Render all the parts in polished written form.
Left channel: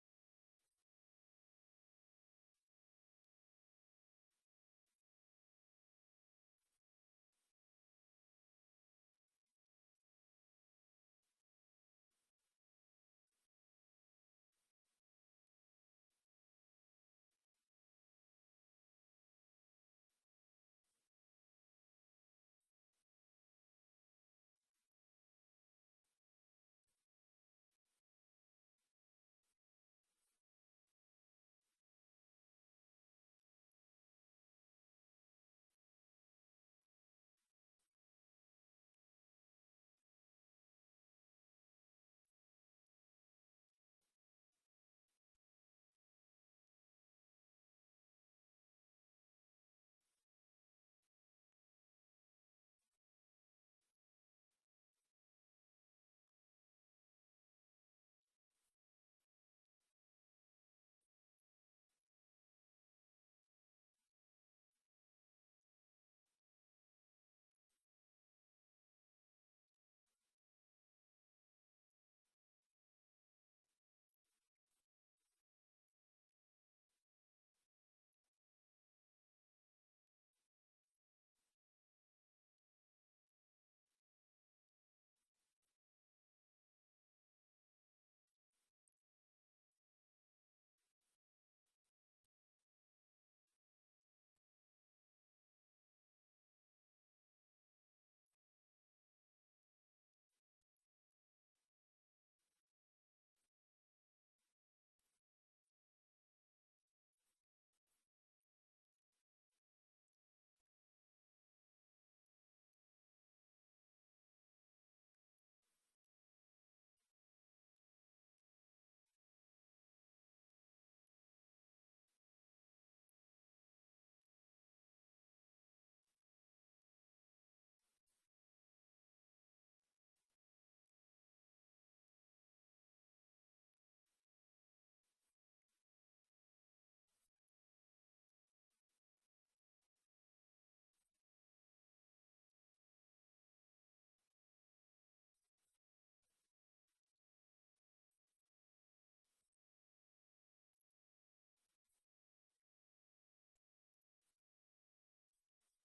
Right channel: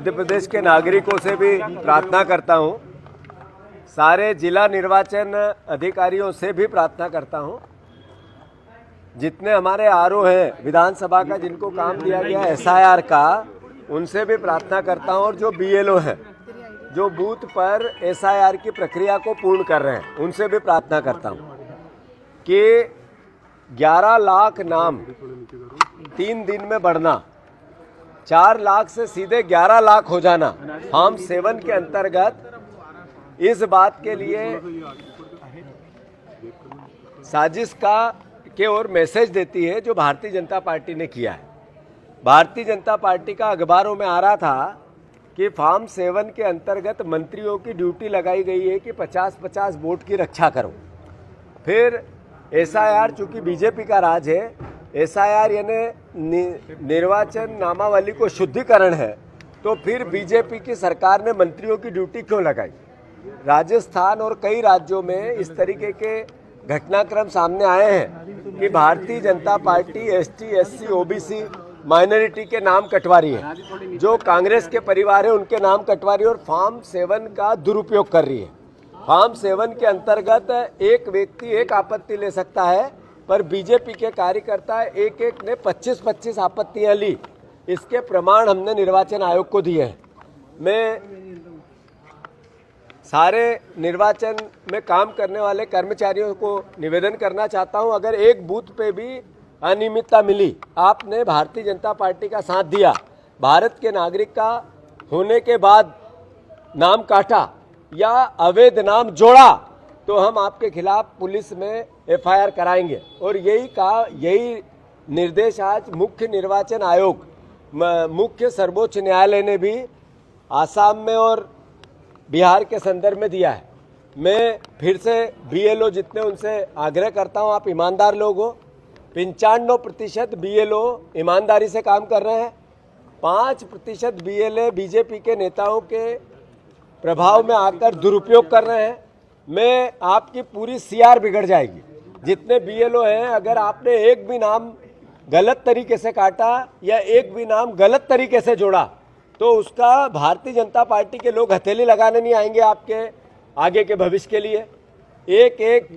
मध्य प्रदेश के नागरिकों से भी प्रार्थना करता हूं, सारे जिला निर्वाचन अधिकारियों से भी प्रार्थना करता हूं, जितने हमारे आरओ हैं विधानसभा का, जिनको काम दिया गया एसआईआर का, उनसे भी प्रार्थना करता हूं, और जो बीएलओ हैं जो बूथ पर एसआईआर की प्रक्रिया को पूर्ण कर रहे हैं, उनसे भी प्रार्थना करता हूं कि 11 लाख नाम 3 दिन में बढ़ना, 4 लाख से सीधे 11 लाख हो जाना फॉर्म 7 के अंतर्गत, इस बात के लिए साजिश के ओर मैसेज देती है जो भारतीय जनता पार्टी ने किया है। भारतीय जनता पार्टी का अखबारों में आ रहा था कि फॉर्म 7 के अंतर्गत मंत्रियों की ड्यूटी लगाई गई है कि 50-50 वोट की रक्षा करो। फिर एसआईआर, चूंकि बीजेपी का राज है, एसआईआर यानी निर्वाचन नामावली को शुद्धिकरण है, तो फिर बीजेपी की सरकार ने मंत्रियों की ड्यूटी क्यों लगाई। राजस्थान और कई राज्यों में इस तरीके के घटनाक्रम सामने आए हैं कि Bharatiya Janata party ST, SC, OBC minority के नाम कटवा रही है, जो कांग्रेस के परिवार है उनके नाम कटवा रही है, और फॉर्म 7 का दुरुपयोग कर रही है। फॉर्म 7 के अंतर्गत एक व्यक्ति एक आपत्ति ले सकता है, पर बीजेपी के कार्यकर्ता एक ने 25-25 आपत्तियां ली। इसके प्रमाण हमने निर्वाचन आयोग को दिए हैं। मैं सारे निर्वाचन में काम करने वाले कर्मचारियों को निवेदन करना चाहता हूं, अगर एक बूथ पे भी अनियमितता मिली, आपने भारतीय जनता पार्टी का साथ दिया, भारत के नागरिक का होने के बाद नाम काटा या अवैध नाम जोड़ा, तो हम आपके खिलाफ पुलिस में एफआईआर कराएंगे। और यही निर्देश आज मुख्य निर्वाचन आयोग, मुख्य सर्वोच्च न्यायालय ने भी आसाम में और बिहार के संदर्भ में दिया है। मैं फिर से बीएलओ जितने, उनसे आग्रह करता हूं, आप ईमानदार लोग हो। 95% बीएलओ ईमानदारी से काम कर रहे हैं। 5% बीएलए बीजेपी के नेताओं के प्रभाव में आकर दुरुपयोग कर रहे हैं। मैं आपकी पूरी सीआर बिगड़ जाएगी। जितने बीएलओ हैं, अगर आपने एक भी नाम गलत तरीके से काटा या एक भी नाम गलत तरीके से जोड़ा, तो उसका भारतीय जनता पार्टी के लोग हथेली लगाने नहीं आएंगे आपके आगे के भविष्य के लिए। एक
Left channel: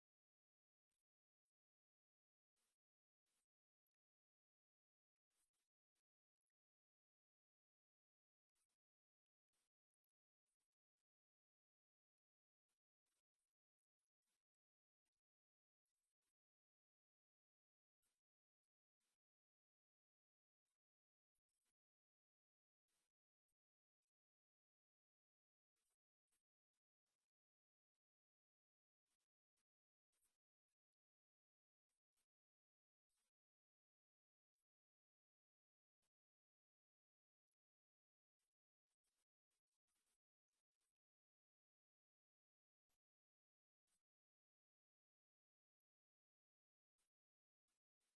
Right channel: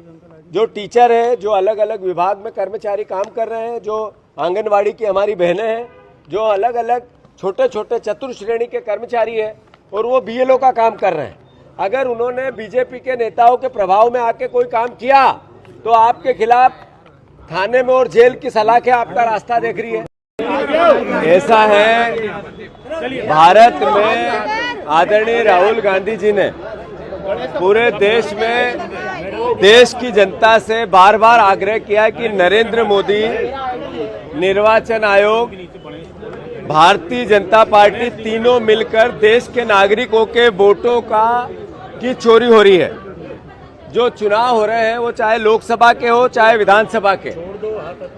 जो टीचर है, जो अलग अलग विभाग में कर्मचारी काम कर रहे हैं, जो आंगनवाड़ी की हमारी बहनें हैं, जो अलग अलग छोटे छोटे चतुर्थ श्रेणी के कर्मचारी हैं, और वो बीएलओ का काम कर रहे हैं, अगर उन्होंने बीजेपी के नेताओं के प्रभाव में आके कोई काम किया, तो आपके खिलाफ थाने में और जेल की सलाखें आपका रास्ता देख रही है। ऐसा है, भारत में आदरणीय राहुल गांधी जी ने पूरे देश में देश की जनता से बार बार आग्रह किया कि नरेंद्र मोदी, निर्वाचन आयोग, भारतीय जनता पार्टी तीनों मिलकर देश के नागरिकों के वोटों की चोरी हो रही है। जो चुनाव हो रहे हैं, वो चाहे लोकसभा के हो चाहे विधानसभा के,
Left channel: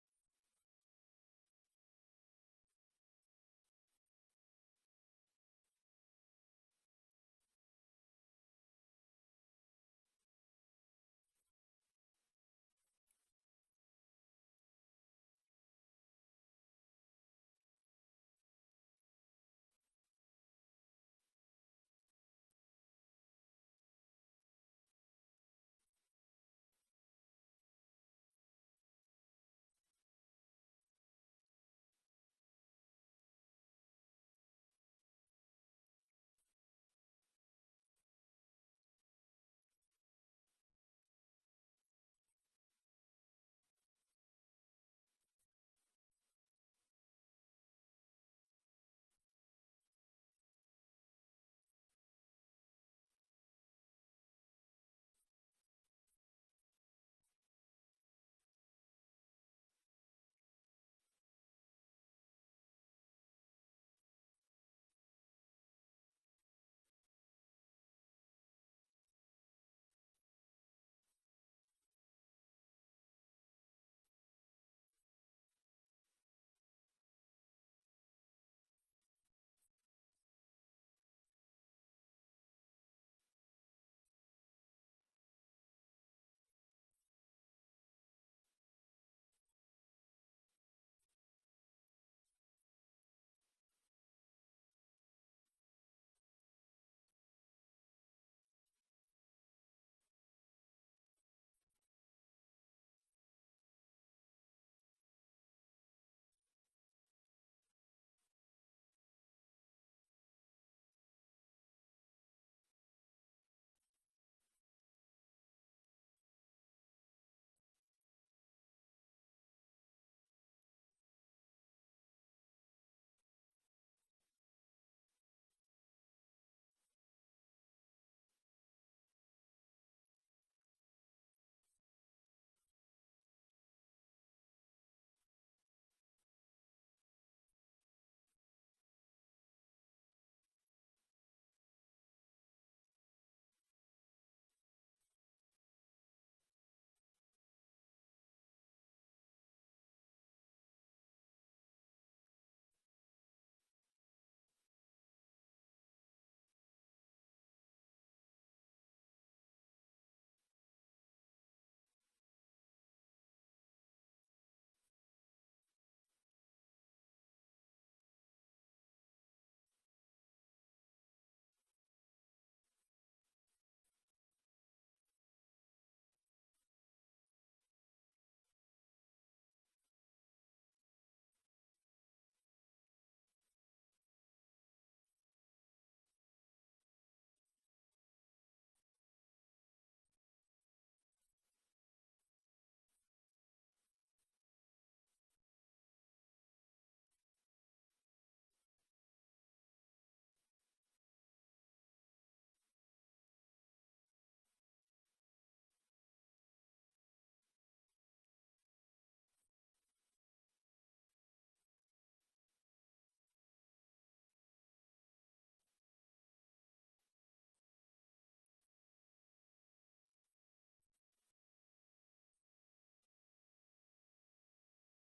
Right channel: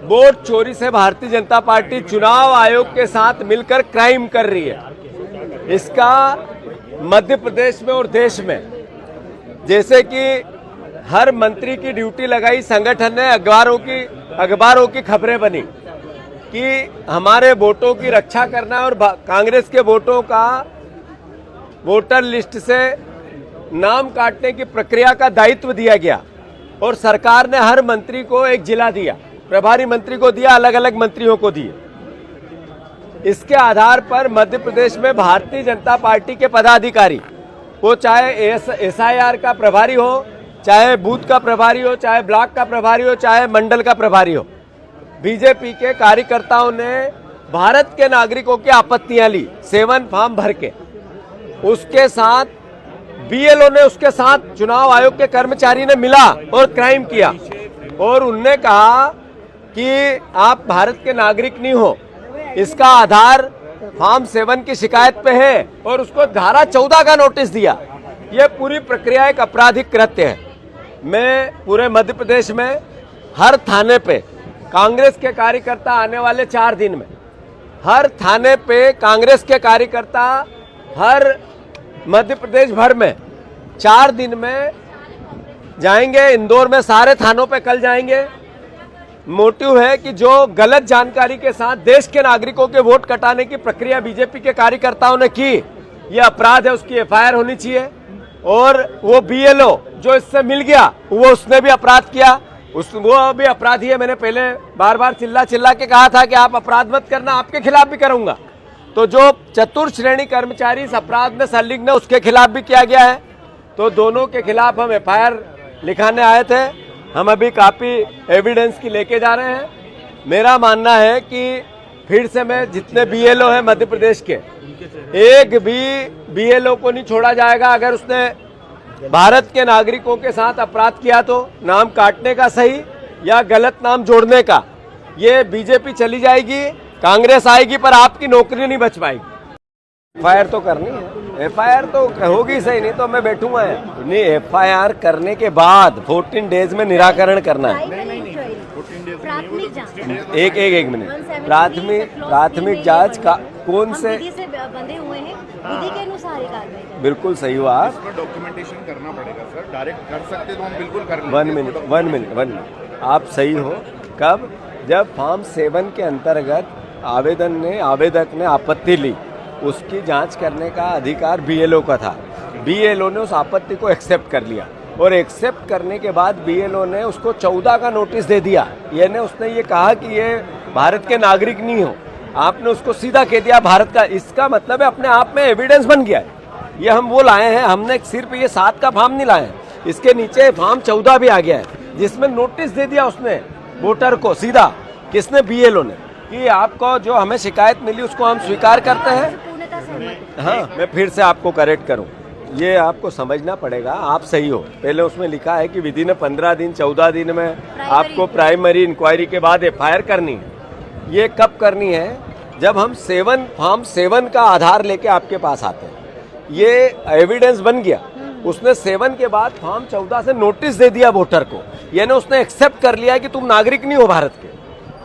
वोट चोरी से भारतीय जनता पार्टी चुनाव आयोग के साथ मिलकर क्राइम कर रही है। इसका मध्य प्रदेश में और देश में, जैसे कि हर मंत्री की ड्यूटी लगाई संगठन ने, अखबारों की खबरें बनी कि हमारे वोटों की रक्षा करना, और कांग्रेस के वोटों का वोटर लिस्ट से नाम काटने की प्रक्रिया का दायित्व दिया गया, और सरकार ने हर मंत्री को एक जिला दिया, प्रभारी मंत्री को दिया, अलग अलग मंत्रियों को दिए। इसके आधार पर मध्य प्रदेश में भारतीय जनता पार्टी के पदाधिकारी, वो चाहे एसआईआर का प्रभारी हो, चाहे बूथ का प्रभारी हो, चाहे ब्लॉक का प्रभारी हो, चाहे मंडल का प्रभारी हो, बीजेपी के कार्यकर्ताओं ने भारत के नागरिकों की आपत्तियां ली 7 फॉर्म भर के। उसके साथ बीएलओ ने, उसके साथ चुनाव आयोग के कर्मचारी ने मिला और क्राइम किया, और उनने कहा कि आप भारत के नागरिक नहीं हो। इसका आधार फॉर्म 7 की शिकायत पे है, और उसको धारा 14 का नोटिस दिया। यह पूरी प्रक्रिया एक आपराधिक कृत्य है। मैं पूरे मध्य प्रदेश में हर थाने पे कांग्रेस के कार्यकर्ता आने वाले 4 दिन में, हर थाने पे कांग्रेस के कार्यकर्ता हर मध्य प्रदेश भर में 4 दिन में जाएंगे। इंदौर में सारे थानों पे कल जाएंगे। मोटिव है कि जो गलत जानकारी के साथ देश के नागरिकों के वोट कटाने की प्रक्रिया बीजेपी के कार्यकर्ताओं ने की, ये अपराध है, उसकी एफआईआर होनी चाहिए। और वो बीएलओ जो इससे मिल गया वो उसने भी अपराध किया, वो भी अपराधी है। मैंने पहले बार बार चिल्ला के कहा था कि आप अपराध मत करना, आपके खिलाफ भी करूंगा। तो जो चतुर्थ श्रेणी कर्मचारी इस अपराध में संलिग्न है उसके खिलाफ भी किया गया है। तो दोनों के खिलाफ हम एफआईआर लिखाने आए थे। हम अभी काफी एविडेंस की लेके जा रहे हैं। मेरा मानना है कि फिर से मैं जितने बीएलओ हैं मध्य प्रदेश के, एक भी बीएलओ को नहीं छोड़ा जाएगा। अगर उसने भारत के नागरिकों के साथ अपराध किया तो नाम काटने का सही या गलत नाम जोड़ने का, ये बीजेपी चली जाएगी, कांग्रेस आएगी, पर आपकी नौकरी नहीं बच पाएगी। एफआईआर तो करनी है, एफआईआर तो होगी सही, नहीं तो मैं बैठूंगा। नहीं, एफआईआर करने के बाद 14 डेज में निराकरण करना है। एक मिनट, प्राथमिक जांच का कौन से बंधे हुए हैं, विधि के अनुसार ही कार्रवाई। बिल्कुल सही हुआ आप, डॉक्यूमेंटेशन करना पड़ेगा सर, डायरेक्ट कर सकते तो हम बिल्कुल कर लेंगे। वन मिनट, आप सही हो। कब? जब फॉर्म 7 के अंतर्गत आवेदक ने आपत्ति ली, उसकी जांच करने का अधिकार बीएलओ का था। बीएलओ ने उस आपत्ति को एक्सेप्ट कर लिया और एक्सेप्ट करने के बाद बीएलओ ने उसको 14 का नोटिस दे दिया। यानी उसने ये कहा कि ये भारत के नागरिक नहीं हो, आपने उसको सीधा कह दिया भारत का। इसका मतलब है अपने आप में एविडेंस बन गया है। ये हम वो लाए हैं, हमने सिर्फ ये 7 का फॉर्म नहीं लाए हैं, इसके नीचे फॉर्म 14 भी आ गया है जिसमें नोटिस दे दिया उसने वोटर को सीधा। किसने? बीएलओ ने, कि आपको जो हमें शिकायत मिली उसको हम स्वीकार करते हैं। हाँ, मैं फिर से आपको करेक्ट करूं, ये आपको समझना पड़ेगा। आप सही हो, पहले उसमें लिखा है कि विधि ने 15 दिन 14 दिन में आपको प्राइमरी इंक्वायरी के बाद एफआईआर करनी है। ये कब करनी है? जब हम फॉर्म 7 का आधार लेके आपके पास आते हैं, ये एविडेंस बन गया। उसने 7 के बाद फॉर्म 14 से नोटिस दे दिया वोटर को, यानी उसने एक्सेप्ट कर लिया कि तुम नागरिक नहीं हो भारत के।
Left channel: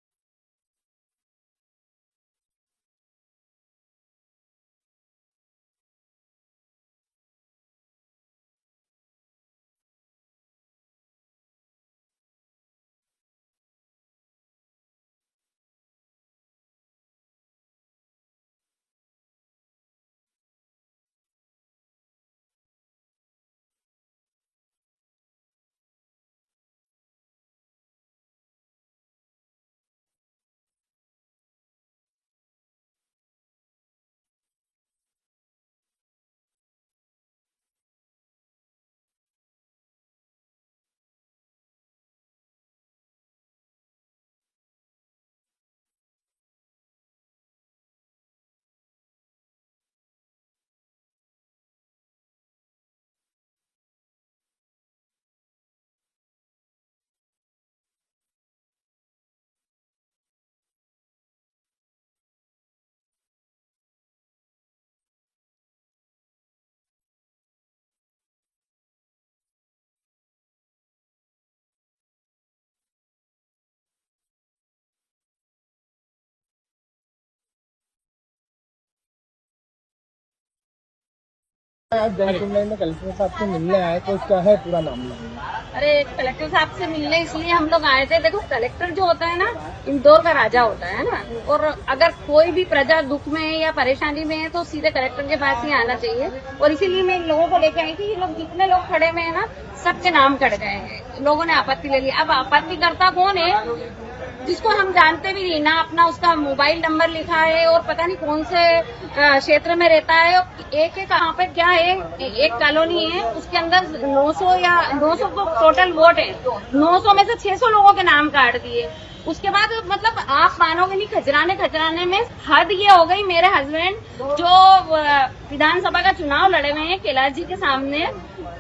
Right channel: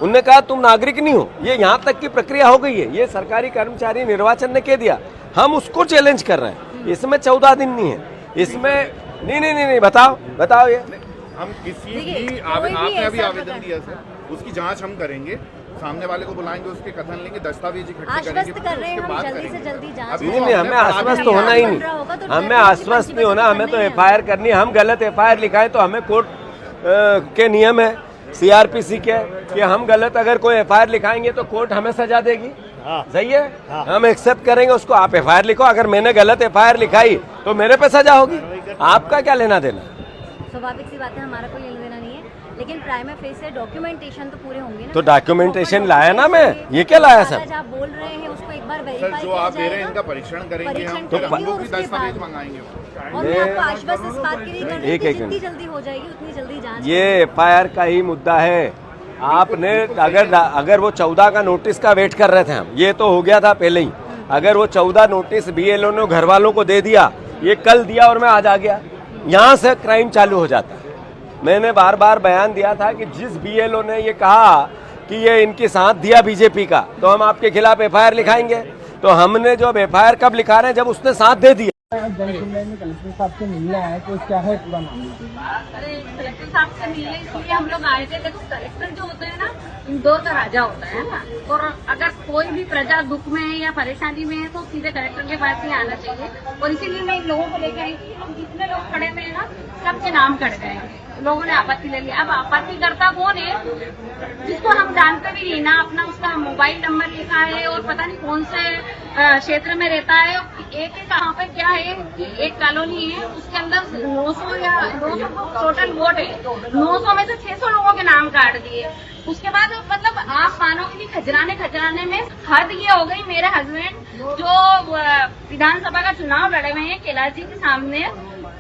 उनने कहा तुम नागरिक नहीं हो, ये यहाँ तक की प्रक्रिया हो गई है। ये सरकारी कर्मचारी निर्वाचन ने कह दिया, हम उसको चैलेंज कर रहे हैं। इसमें 14 दिन नहीं है, इसमें नहीं, बताओ ये। हम किसी भी आपने अभी आवेदन दिया सर, उसकी जांच हम करेंगे, सामने वाले को बुलाएंगे, उसके कथन लेंगे, दस्तावेज इकट्ठे करेंगे, उसके बाद करेंगे। नहीं, हमें आश्वस्त होना ही नहीं, हमें आश्वस्त नहीं होना, हमें तो एफआईआर करनी है। हम गलत एफआईआर लिखाएं तो हमें कोर्ट के नियम है, सीआरपीसी के, कि हम गलत अगर कोई एफआईआर लिखाएंगे तो कोर्ट हमें सजा देगी। सही है, हम एक्सेप्ट करेंगे उसको। आप एफआईआर लिखो, अगर मैंने गलत एफआईआर लिखाई तो मेरे पे सजा होगी, आपका क्या लेना देना? स्वाभाविक सी बात है, हमारा कोई लेना देना नहीं है, लेकिन प्राइमा फेस से डॉक्यूमेंटेशन तो पूरे होंगे ना। तो डॉक्यूमेंटेशन लाया ना मैं, ये क्या लाया सर? आप बोल रहे हैं उसको एक बार सर, वेरीफाई जो आप दे रहे हैं इनका परीक्षण करेंगे हम, तो हम लोग भी दस्तावेज मंगाएंगे। और मैं आपको आश्वस्त इस बात के लिए कर रही हूं कि जितनी जल्दी हो जाएगी उतनी जल्दी जांच। ये एफआईआर का ही मुद्दा है। आपने अगर वो 14 का नोटिस का वेट कर रहे थे हम, ये तो हो गया था पहले ही। अगर वो 14 नोटिस बीएलओ ने घर वालों को दे दिया, ये कल दिया और मैं आज आ गया, यहाँ से क्राइम चालू हो जाता। मैंने बार बार बयान दिया था कि जिस बीएलओ ने ये कहा कि ये इनके साथ दिया बीजेपी का, तो हम आपके खिलाफ एफआईआर लिखाएंगे। तो हमने जो एफआईआर कब लिखा रहे हैं? जब उसने साथ दे दिया। आज जनसुनवाई में कलेक्टर साहब से मिलने आए, तो क्या है पूरा मामला? अरे कलेक्टर साहब से मिलने इसलिए हम लोग आए थे। देखो, कलेक्टर जो होता है ना, इंदौर का राजा होता है ना, और अगर कोई भी प्रजा दुख में है या परेशानी में है तो सीधे कलेक्टर के पास ही आना चाहिए। और इसीलिए मैं इन लोगों को लेकर आई थी। ये लोग जितने लोग खड़े हुए हैं ना, सबके नाम कट गए हैं, लोगों ने आपत्ति ले ली। अब आपत्तिकर्ता कौन है? जिसको हम जानते भी नहीं ना, अपना उसका मोबाइल नंबर लिखा है और पता नहीं कौन से क्षेत्र में रहता है। एक कहाँ पे क्या है, एक कॉलोनी है, उसके अंदर 900 तो टोटल वोट है, 900 में से 600 लोगों के नाम काट दिए। उसके बाद मतलब आप मानोगे नहीं, खजराने में हद ये हो गई। मेरे हस्बैंड जो विधानसभा का चुनाव लड़े हुए हैं कैलाश जी के सामने,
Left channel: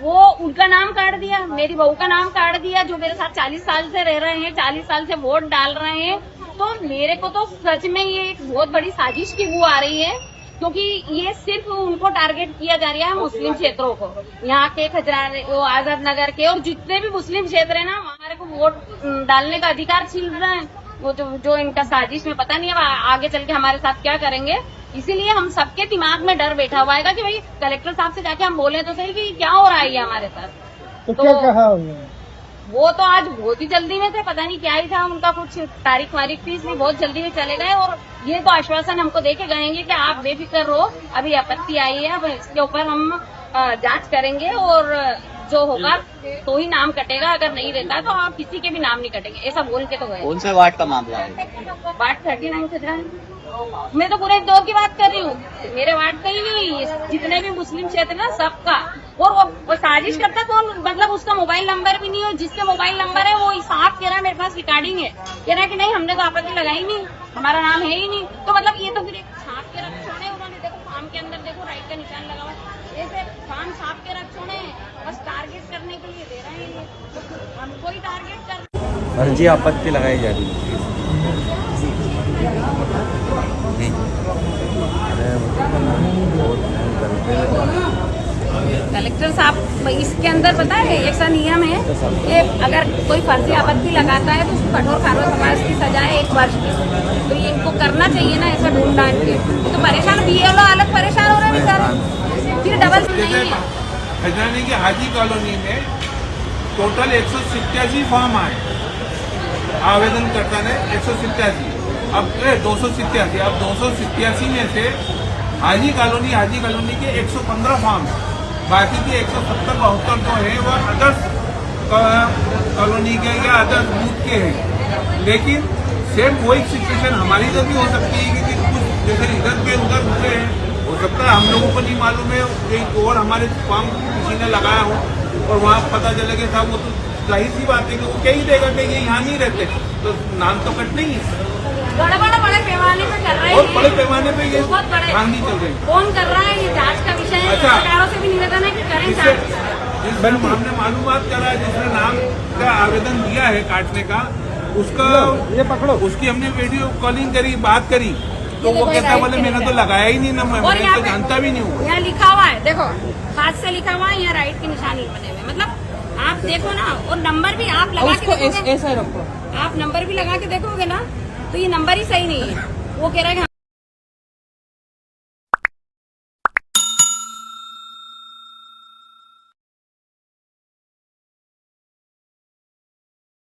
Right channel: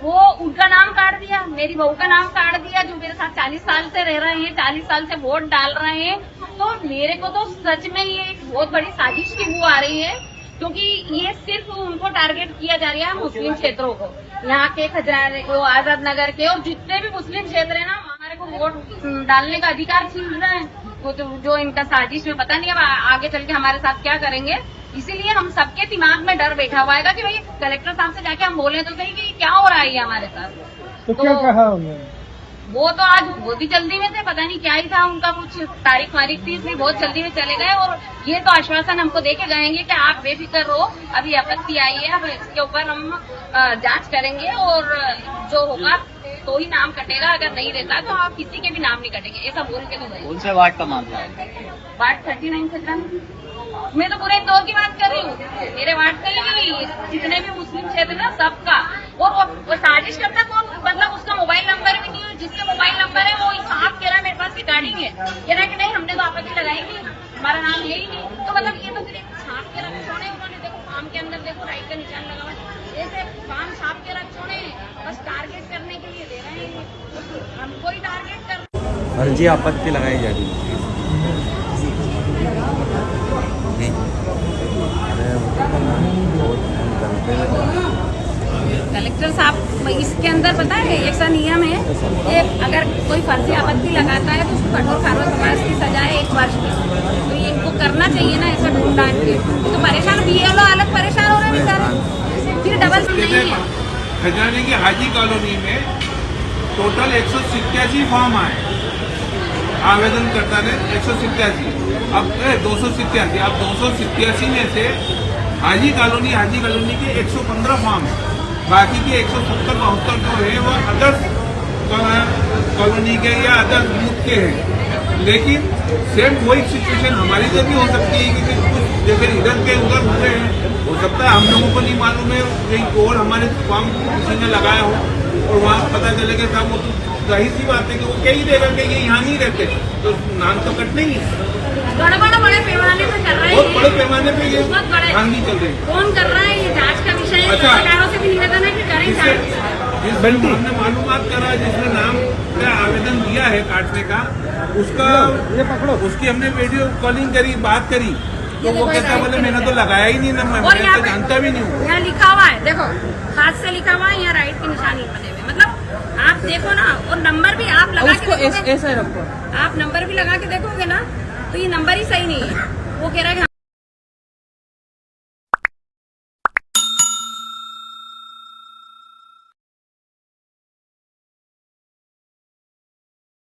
वो उनका नाम काट दिया, मेरी बहू का नाम काट दिया, जो मेरे साथ 40 साल से रह रहे हैं, 40 साल से वोट डाल रहे हैं। तो मेरे को तो सच में ये एक बहुत बड़ी साजिश की बू आ रही है, क्योंकि ये सिर्फ उनको टारगेट किया जा रहा है, मुस्लिम क्षेत्रों को, यहाँ के खजराने, आजाद नगर के और जितने भी मुस्लिम क्षेत्र है ना, हमारे को वोट डालने का अधिकार छीन रहे हैं। वो जो इनका साजिश में पता नहीं अब आगे चल के हमारे साथ क्या करेंगे। इसीलिए हम सबके दिमाग में डर बैठा हुआ है कि भाई कलेक्टर साहब से जाके हम बोले तो सही कि क्या हो रहा है ये हमारे साथ। तो क्या कहा उन्होंने? वो तो आज बहुत ही जल्दी में थे, पता नहीं क्या ही था उनका, कुछ तारीख वारीख थी, इसलिए बहुत जल्दी में चले गए। और ये तो आश्वासन हमको देके गए हैं कि आप बेफिक्र रहो, अभी आपत्ति आई है, अब इसके ऊपर हम जांच करेंगे और जो होगा तो ही नाम कटेगा, अगर नहीं रहता तो आप किसी के भी नाम नहीं कटेंगे, ऐसा बोल के तो गए। कौन से वार्ड का मामला है? वार्ड 39 से जान, मैं तो पूरे इंदौर की बात कर रही हूँ, मेरे वार्ड का ही नहीं, जितने भी मुस्लिम क्षेत्र ना सबका। और वो साजिश करता कौन, मतलब उसका मोबाइल नंबर भी नहीं है, जिसके मोबाइल नंबर है वो साफ कह रहा है मेरे पास रिकॉर्डिंग है, कह रहा है कि नहीं हमने तो आपत्ति लगाई नहीं, हमारा नाम है ही नहीं। तो मतलब ये तो फिर छाप के रख छोड़े उन्होंने, देखो फार्म के अंदर देखो राइट का निशान लगा हुआ, ऐसे फार्म छाप के रख छोड़े, बस टारगेट करने के लिए दे रहे हैं, हमको ही टारगेट कर। फर्जी आपत्ति लगाई जा रही है। कलेक्टर साहब इसके अंदर पता है ऐसा नियम है कि अगर कोई फर्जी आपत्ति लगाता है तो उसको कठोर कार्रवाई समाज की सजा है 1 वर्ष की। तो ये इनको करना चाहिए ना, ऐसा ढूंढ डांट के। तो परेशान भी ये लोग अलग परेशान हो रहे हैं बेचारे, फिर डबल खजाने की हाजी कॉलोनी में टोटल 187 फॉर्म आए, आवेदनकर्ता ने 187, अब 287, अब 287 में से हाजी कॉलोनी के 115 फॉर्म है, बाकी के 170-72 जो है वो अदर्स कॉलोनी के या अदर्स बूथ के हैं। लेकिन सेम वही सिचुएशन हमारी तो भी हो सकती है कि कुछ जैसे इधर के उधर हुए हैं, हो सकता है हम लोगों को नहीं मालूम है, कहीं और हमारे फॉर्म किसी ने लगाया हो और वहाँ पता चले कि सब वो तो जाहिर सी बात है कि वो क्या ही देगा कि ये यहाँ नहीं रहते, तो नाम तो कट नहीं है। बड़े पैमाने पर कर रहे हैं, बहुत बड़े पैमाने पे ये धांधली चल रही है। कौन कर रहा है ये जांच का विषय है, अच्छा, सरकारों से भी निवेदन है कि करें। जिसने हमने मालूमात करा, जिसने नाम का आवेदन दिया है काटने का, उसका ये पकड़ो, उसकी हमने वीडियो कॉलिंग करी, बात करी, तो वो कहता बोले मैंने तो लगाया ही नहीं, ना मैं तो जानता भी नहीं हूँ। यहाँ लिखा हुआ है, देखो हाथ से लिखा हुआ है, यहाँ राइट के निशान बने हुए, मतलब आप देखो ना, और नंबर भी आप लगा के देखोगे, आप नंबर भी लगा के देखोगे ना तो ये नंबर ही सही नहीं है। वो कह रहा है